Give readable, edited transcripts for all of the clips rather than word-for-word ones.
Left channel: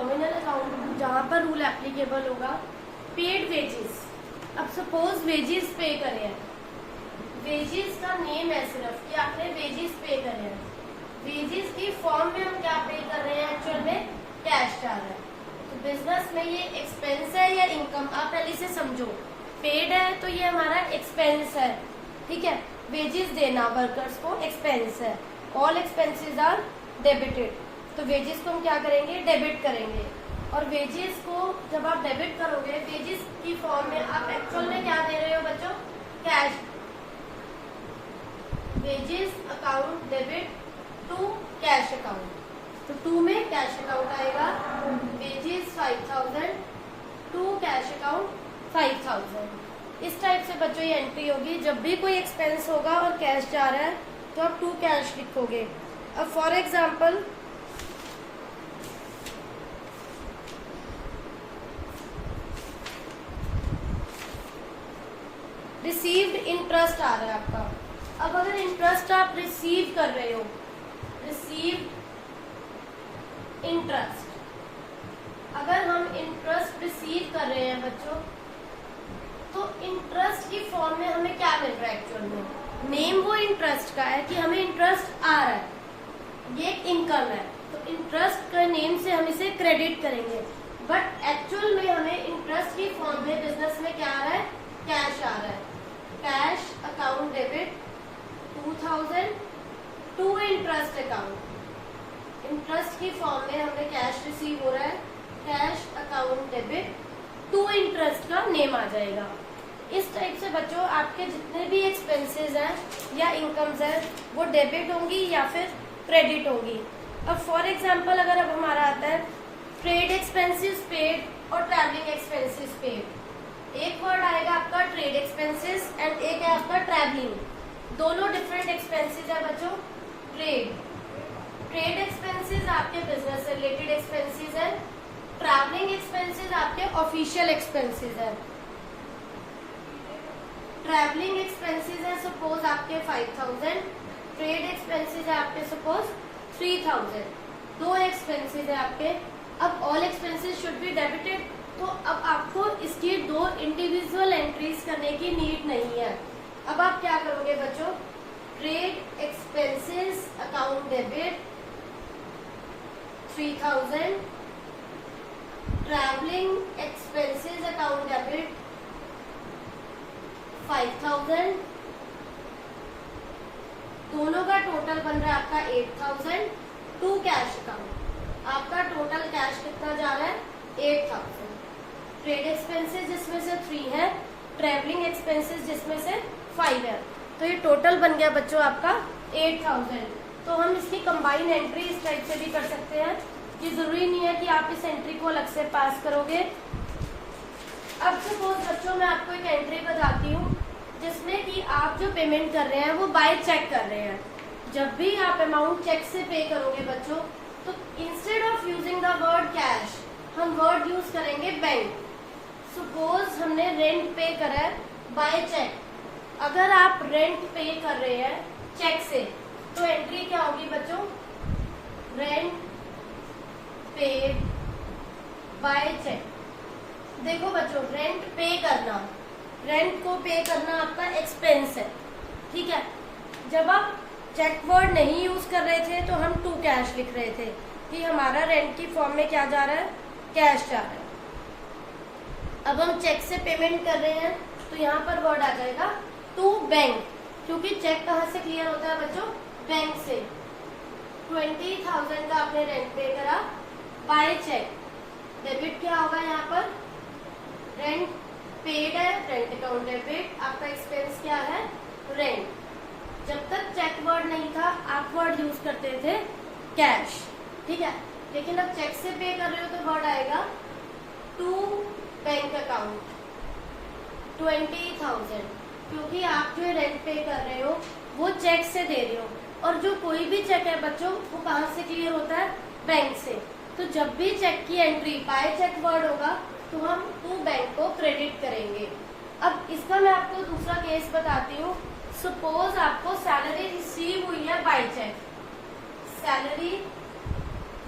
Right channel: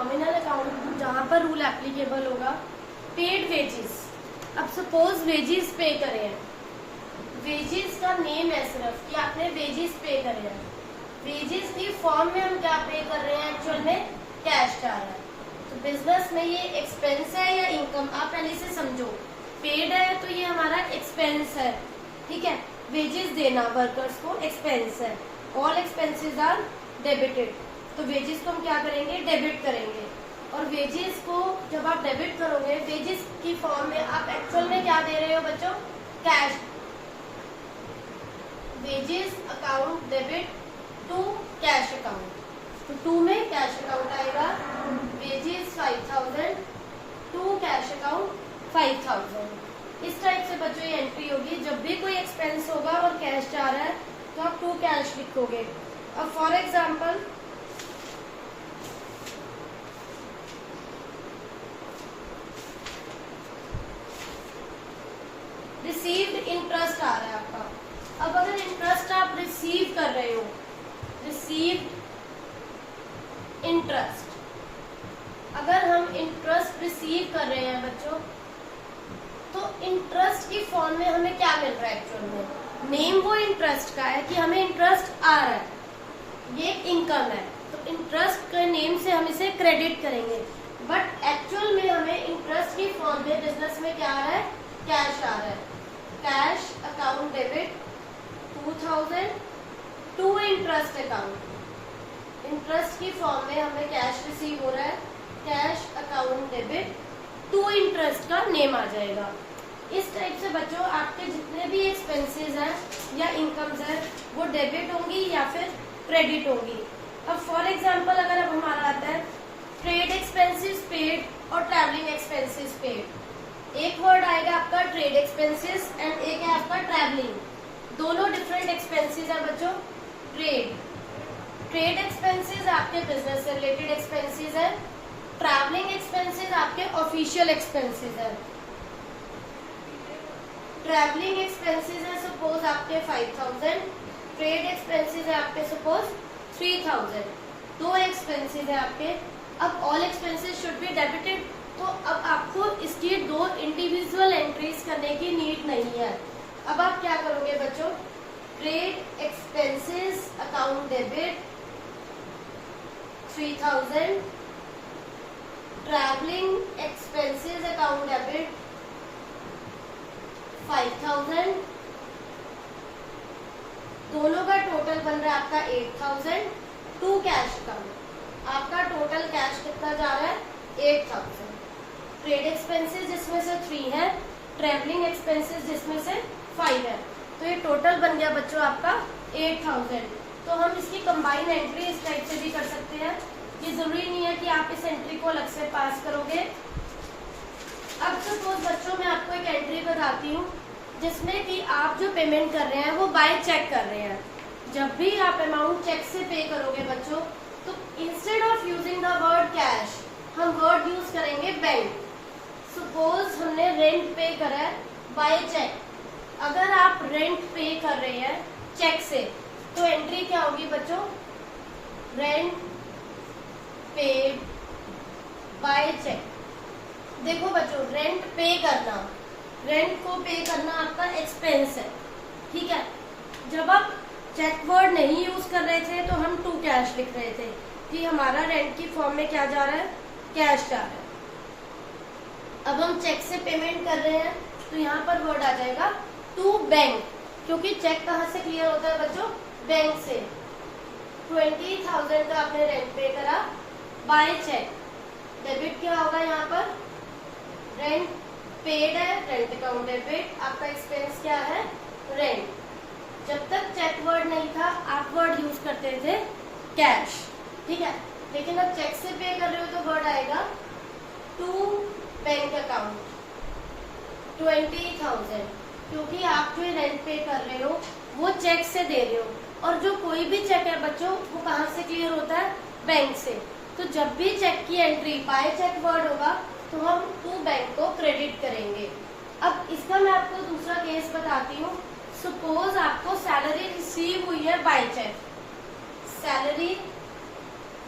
Nominal account जहाँ पर rule applicable होगा, पेड वेजेस। अब सपोज वेजेस पे करे हैं, वेजेस का नेम है सिर्फ कि आपने वेजेस पे करे हैं, वेजेस की फॉर्म में हम क्या पे कर रहे हैं, एक्चुअल में कैश जा रहा है। तो बिजनेस में ये एक्सपेंस है या इनकम, आप पहले से समझो। पेड है तो ये हमारा एक्सपेंस है, ठीक है। वेजेस देना वर्कर्स को एक्सपेंस है, ऑल एक्सपेंसेस आर डेबिटेड। तो वेजेस को हम क्या करेंगे, डेबिट करेंगे। और वेजेस को जब आप डेबिट करोगे, वेजेस की फॉर्म में आप एक्चुअल में क्या दे रहे हो बच्चों, cash. Wages account debit to cash account, तो 2 में कैश अकाउंट आएगा, वेजेस 5000 टू कैश अकाउंट 5000। इस टाइप से बच्चों ये एंट्री होगी। जब भी कोई एक्सपेंस होगा और कैश जा रहा है तो आप टू कैश लिखोगे। अब फॉर एग्जाम्पल रिसीव्ड इंटरेस्ट आ रहा है आपका। अब अगर इंटरेस्ट आप रिसीव कर रहे हो, रिसीव्ड इंटरेस्ट, अगर हम इंटरेस्ट रिसीव कर रहे हैं बच्चों, तो इंटरेस्ट की फॉर्म में हमें क्या मिल रहा है, एक्चुअल में नेम वो इंटरेस्ट का है कि हमें इंटरेस्ट आ रहा है, ये इनकम है। तो इंटरेस्ट के नेम से हम इसे क्रेडिट करेंगे, बट एक्चुअल में हमें इंटरेस्ट की फॉर्म में बिजनेस में क्या आ रहा है, कैश आ रहा है। Cash account debit 2000 to interest account, interest की फॉर्म में हमें कैश रिसीव हो रहा है, cash account debit to interest का नेम आ जाएगा। इस टाइप से बच्चों आपके जितने भी एक्सपेंसेस हैं या इनकम्स हैं वो डेबिट होंगी या फिर क्रेडिट होंगी। अब फॉर एग्जांपल अगर अब हमारा आता है ट्रेड एक्सपेंसेस पेड और ट्रैवलिंग एक्सपेंसेस पेड, एक वर्ड आएगा आपका ट्रेड एक्सपेंसेस एंड एक है आपका ट्रैवलिंग। दोनों डिफरेंट एक्सपेंसेस हैं बच्चों। ट्रेड एक्सपेंसेस आपके बिजनेस से रिलेटेड एक्सपेंसेस है, ट्रैवलिंग एक्सपेंसेस आपके ऑफिशियल एक्सपेंसेस है। ट्रैवलिंग एक्सपेंसेस है सपोज आपके 5000, ट्रेड एक्सपेंसेस है आपके सपोज 3000। दो एक्सपेंसेस है आपके। अब all expenses should be debited, तो अब आपको इसकी दो इंडिविजुअल एंट्रीज करने की नीड नहीं है। अब आप क्या करोगे बच्चों, trade expenses account debit 3000, travelling expenses account debit 5000, दोनों का टोटल बन रहा है आपका 8000 टू कैश अकाउंट। आपका टोटल कैश कितना जा रहा है, 8000। ट्रेड एक्सपेंसेस जिसमें से 3 है, ट्रैवलिंग एक्सपेंसेस जिसमें से 5 है, तो ये टोटल बन गया बच्चों आपका 8000। तो हम इसकी कंबाइन एंट्री इस टाइप से भी कर सकते हैं। ये जरूरी नहीं है कि आप इस एंट्री को अलग से पास करोगे। अब सपोज बच्चों मैं आपको एक एंट्री बताती हूँ जिसमें कि आप जो पेमेंट कर रहे हैं वो बाय चेक कर रहे हैं। जब भी आप अमाउंट चेक से पे करोगे बच्चों, तो instead of using the word cash हम वर्ड यूज करेंगे बैंक। सपोज हमने रेंट पे करा है बाय चेक। अगर आप रेंट पे कर रहे हैं चेक से, तो एंट्री क्या होगी बच्चों, रेंट पेड बाय चेक। देखो बच्चों, रेंट पे करना, रेंट को पे करना आपका एक्सपेंस है, ठीक है। जब आप चेक वर्ड नहीं यूज कर रहे थे तो हम टू कैश लिख रहे थे कि हमारा रेंट की फॉर्म में क्या जा रहा है, कैश जा रहा है। अब हम चेक से पेमेंट कर रहे हैं तो यहाँ पर वर्ड आ जाएगा टू बैंक, क्योंकि चेक कहाँ से क्लियर होता है बच्चों, बैंक से। 20,000 का आपने रेंट पे करा बाय चेक, डेबिट क्या होगा यहाँ पर, रेंट पेड है, रेंट अकाउंट डेबिट, आपका एक्सपेंस क्या है, रेंट। जब तक चेक वर्ड नहीं था आप वर्ड यूज करते थे कैश, ठीक है। लेकिन अब चेक से पे कर रहे हो तो वर्ड आएगा टू बैंक अकाउंट 20,000, क्योंकि आप जो रेंट पे कर रहे हो वो चेक से दे रहे हो। और जो कोई भी चेक है बच्चों वो कहाँ से क्लियर होता है, बैंक से। तो जब भी चेक की एंट्री बाय चेक वर्ड होगा तो हम टू बैंक को क्रेडिट करेंगे। अब इसका मैं आपको दूसरा केस बताती हूँ। सपोज आपको सैलरी रिसीव हुई है बाय चेक, सैलरी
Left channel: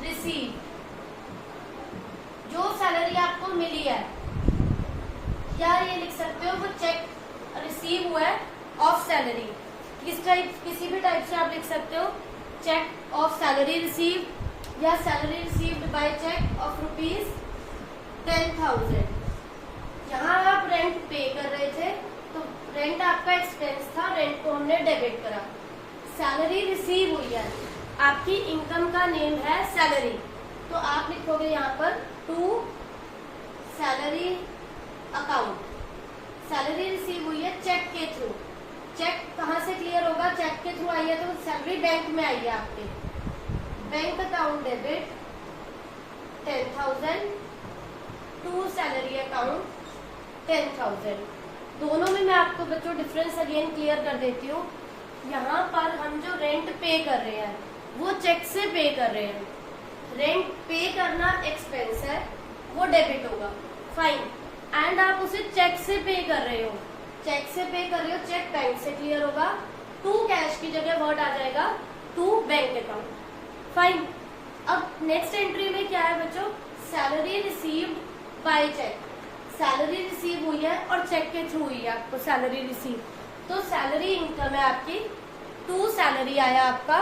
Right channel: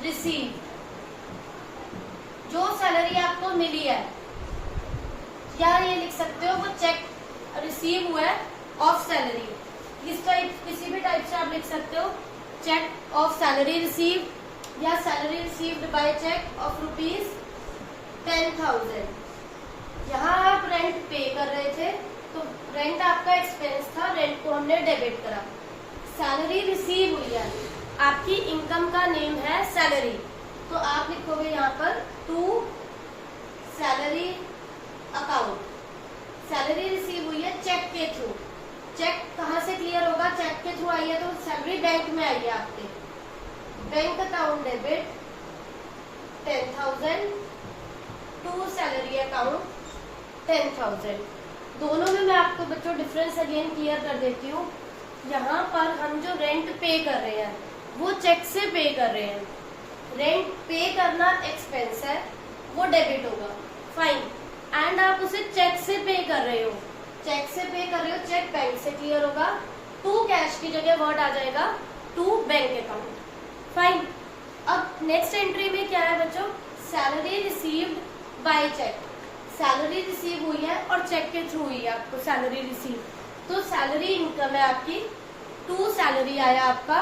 रिसीव जो सैलरी आपको मिली है, या ये लिख सकते हो वो चेक रिसीव हुआ है ऑफ सैलरी, किसी भी टाइप से आप लिख सकते हो, चेक ऑफ सैलरी रिसीव या salary received by cheque of ₹10,000। यहाँ आप रेंट पे कर रहे थे तो रेंट आपका एक्सपेंस था, रेंट को हमने डेबिट करा। सैलरी रिसीव हुई है, आपकी इनकम का नेम है सैलरी, तो आप लिखोगे यहाँ पर to salary account. Salary receive हुई है चेक के थ्रू। चेक कहाँ से क्लियर होगा? चेक के थ्रू आई है तो सैलरी बैंक में आई है आपके। Bank account debit 10,000 to salary account 10,000। दोनों में मैं आपको बच्चों डिफरेंस अगेन क्लियर कर देती हूँ। यहाँ पर हम जो रेंट पे कर रहे हैं वो चेक से पे कर रहे हैं। रेंट पे करना एक्सपेंस है, वो डेबिट होगा, फाइन। एंड आप उसे चेक से पे कर रहे हो, चेक से पे कर रहे हो, चेक बैंक से क्लियर होगा। टू कैश की जगह वर्ड आ जाएगा टू बैंक अकाउंट, फाइन। अब नेक्स्ट एंट्री में क्या है बच्चों? Salary received by cheque. Salary receive हुई है और चेक के थ्रू हुई है आपको सैलरी रिसीव, तो सैलरी इनकम है आपकी, टू सैलरी आया आपका,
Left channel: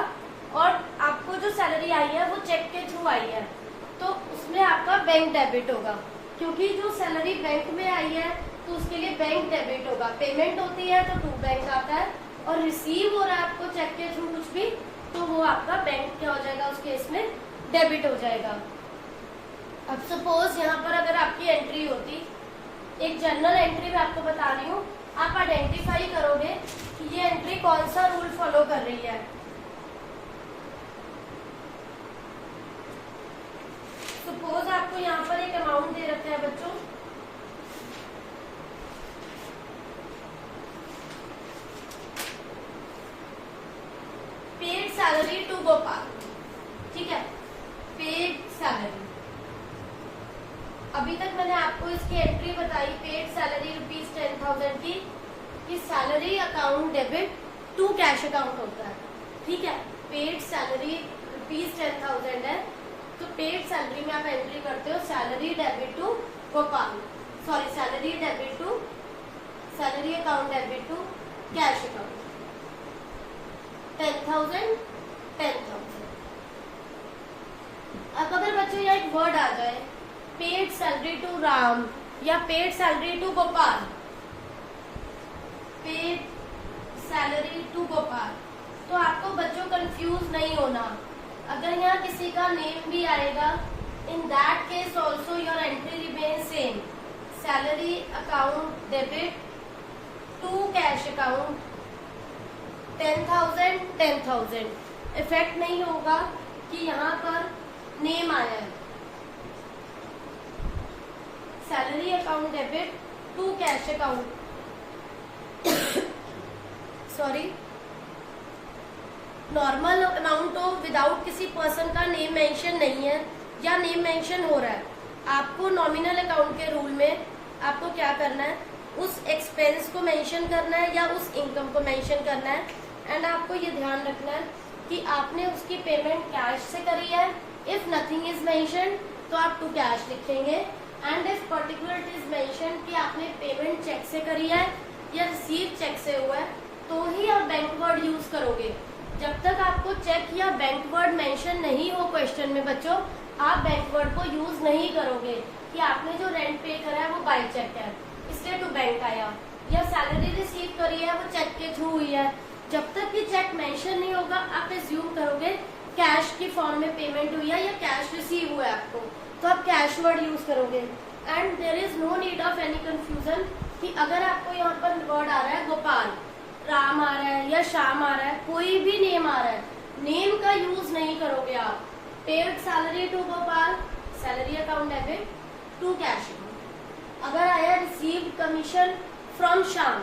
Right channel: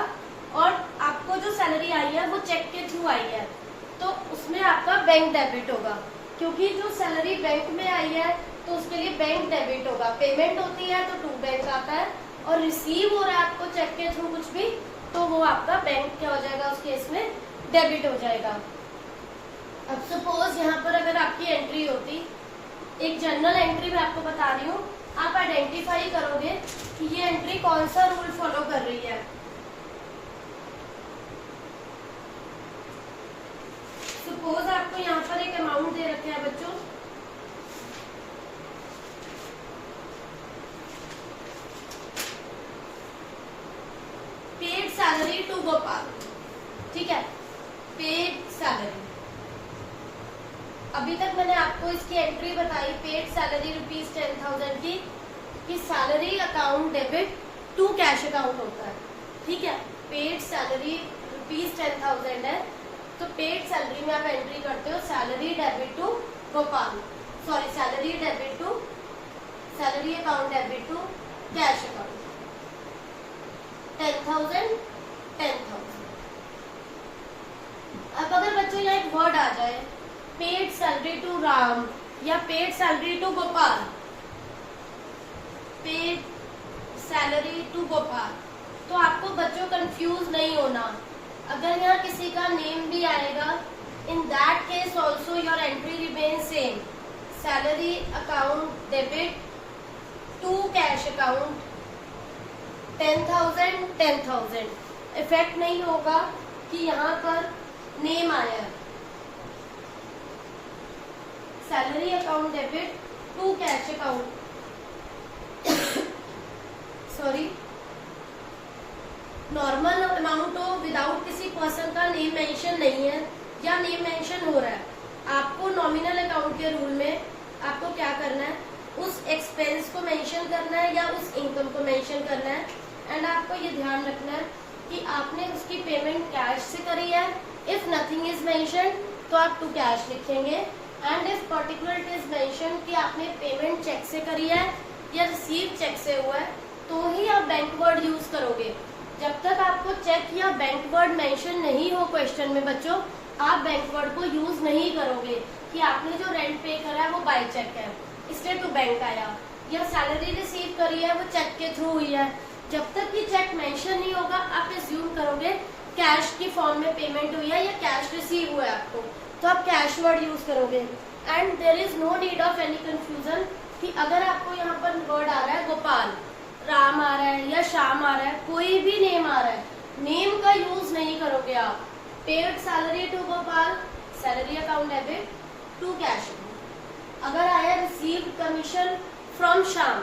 और आपको जो सैलरी आई है वो चेक के थ्रू आई है, तो उसमें आपका बैंक डेबिट होगा, क्योंकि जो सैलरी बैंक में आई है तो उसके लिए बैंक डेबिट होगा। पेमेंट होती है तो टू बैंक आता है, और रिसीव हो रहा है आपको चेक के थ्रू कुछ भी, तो वो आपका बैंक क्या हो जाएगा, उस केस में डेबिट हो जाएगा। अब सपोज यहाँ पर अगर आपकी एंट्री होती, एक जनरल एंट्री मैं आपको बता रही हूँ, आप आइडेंटिफाई करोगे कि ये एंट्री कौन सा रूल फॉलो कर रही है। सपोज आपको यहाँ पर एक अमाउंट दे रखा है बच्चों, पेड सैलरी टू गोपाल, ठीक है, पेड सैलरी। अभी तक मैंने आपको इसकी एंट्री बताई, पेड सैलरी ₹10,000 की, कि salary account debit to cash account होता है, ठीक है। पेड सैलरी ₹10,000 है, तो पेड सैलरी में आप एंट्री करते हो salary debit to Gopal, sorry salary debit to salary account debit to cash account 10,000 10,000। अब अगर बच्चों यहाँ एक वर्ड आ जाए पेड सैलरी टू राम या paid salary to Gopal, paid salary to Gopal, तो आपको बच्चों कंफ्यूज नहीं होना। अगर यहाँ किसी का नेम भी आएगा, in that case also your entry remain same, salary account debit to cash account 10,000 10,000। Effect नहीं होगा कि यहाँ पर नेम आया है, salary account debit to cash account, sorry normal amount हो विदाउट किसी पर्सन का नेम मेंशन नहीं है या नेम मेंशन हो रहा है, आपको नॉमिनल अकाउंट के रूल में आपको क्या करना है, उस एक्सपेंस को मेंशन करना है या उस इनकम को मेंशन करना है। एंड आपको ये ध्यान रखना है कि आपने उसकी पेमेंट कैश से करी है। इफ नथिंग इज मेंशन तो आप टू कैश लिखेंगे, and if particular it is mention कि आपने पेमेंट चेक से करी है या रिसीव चेक से हुआ है, तो ही आप बैंक वर्ड यूज करोगे। जब तक आपको चेक या बैंक वर्ड मेंशन नहीं हो क्वेश्चन में बच्चों, आप बैंक वर्ड को यूज नहीं करोगे कि आपने जो रेंट पे करा है वो बाय चेक है इसलिए टू बैंक आया, या सैलरी रिसीव करी है वो चेक के थ्रू हुई है। जब तक कि चेक मेंशन नहीं होगा आप एज्यूम करोगे कैश की फॉर्म में पेमेंट हुई है या कैश रिसीव हुआ है आपको, तो आप कैश वर्ड यूज करोगे। And there is no need of any confusion कि अगर आपको यहाँ पर वर्ड आ रहा है गोपाल, राम आ रहा है या श्याम आ रहा है, कोई भी नेम आ रहा है, नेम का यूज नहीं करोगे आप। Paid salary to Gopal, salary account debit to cash account. अगर आया रिसीव कमीशन फ्रॉम श्याम,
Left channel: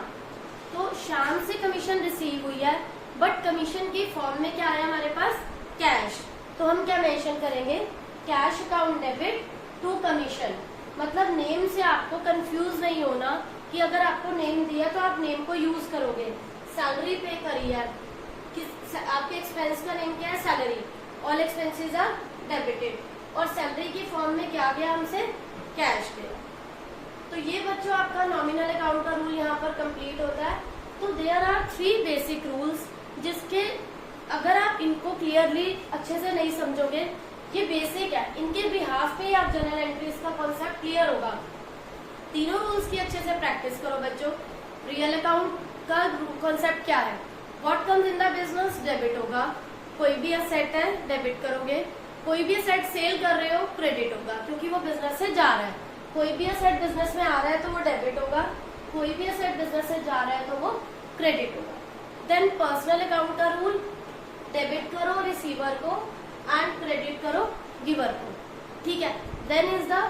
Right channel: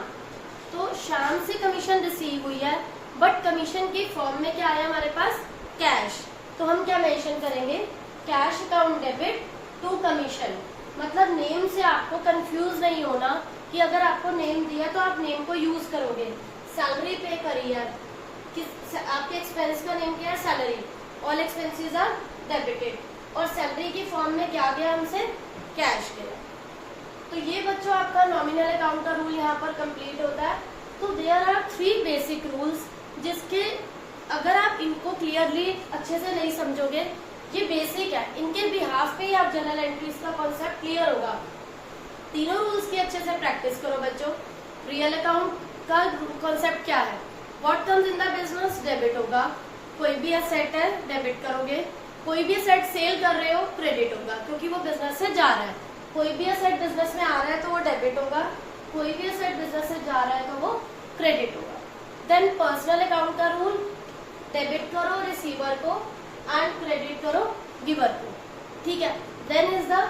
तो श्याम से कमीशन रिसीव हुई है, बट कमीशन की फॉर्म में क्या आया हमारे पास, कैश, तो हम क्या मेंशन करेंगे, cash account debit to commission. मतलब नेम से आपको कंफ्यूज नहीं होना कि अगर आपको नेम दिया तो आप नेम को यूज करोगे। सैलरी पे करी है, आपके एक्सपेंस का नेम क्या है, salary, all expenses are debited, और सैलरी की फॉर्म में क्या दिया हमसे, कैश दिया। तो ये बच्चों आपका नॉमिनल अकाउंट का रूल यहाँ पर कंप्लीट होता है। तो देयर आर 3 बेसिक रूल्स, जिसके अगर आप इनको क्लियरली अच्छे से नहीं समझोगे, ये बेसिक है, इनके बिहाफ पे ही आप जर्नल एंट्रीज का कॉन्सेप्ट क्लियर होगा। तीनों रूल्स की अच्छे से प्रैक्टिस करो बच्चों। रियल अकाउंट का कॉन्सेप्ट क्या है, what comes in the business, debit होगा। कोई भी एसेट है डेबिट करोगे, कोई भी एसेट सेल कर रहे हो क्रेडिट होगा, क्योंकि वो बिजनेस से जा रहा है। कोई भी एसेट बिजनेस में आ रहा है तो वो डेबिट होगा, कोई भी एसेट बिजनेस से जा रहा है तो वो क्रेडिट होगा। देन पर्सनल अकाउंट का रूल, डेबिट करो रिसीवर को एंड क्रेडिट करो गिवर को, ठीक है। Then is the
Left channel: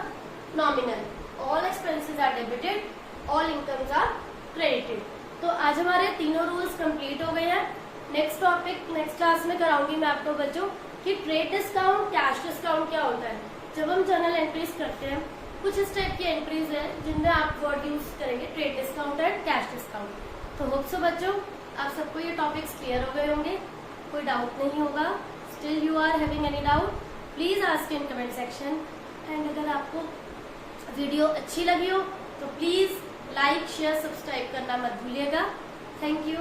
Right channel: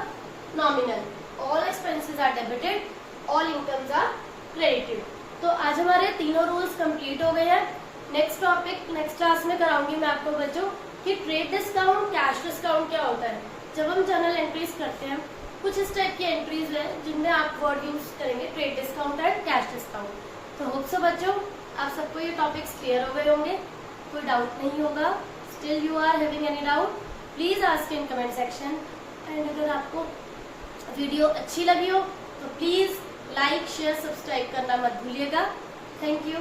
nominal, all expenses are debited, all incomes are credited. तो आज हमारे तीनों रूल्स कंप्लीट हो गए हैं। नेक्स्ट टॉपिक नेक्स्ट क्लास में कराऊंगी मैं आपको बच्चों कि ट्रेड डिस्काउंट, कैश डिस्काउंट क्या होता है। जब हम जर्नल एंट्रीज करते हैं, कुछ इस टाइप की एंट्रीज है जिनमें आप वर्ड यूज करेंगे trade discount and cash discount. तो होप सो बच्चों आप सबको ये टॉपिक्स क्लियर हो गए होंगे, कोई डाउट नहीं होगा। Still you are having any doubt, please ask in comment section. And अगर आपको वीडियो अच्छी लगी हो तो प्लीज लाइक शेयर सब्सक्राइब करना मत भूलिएगा। Thank you.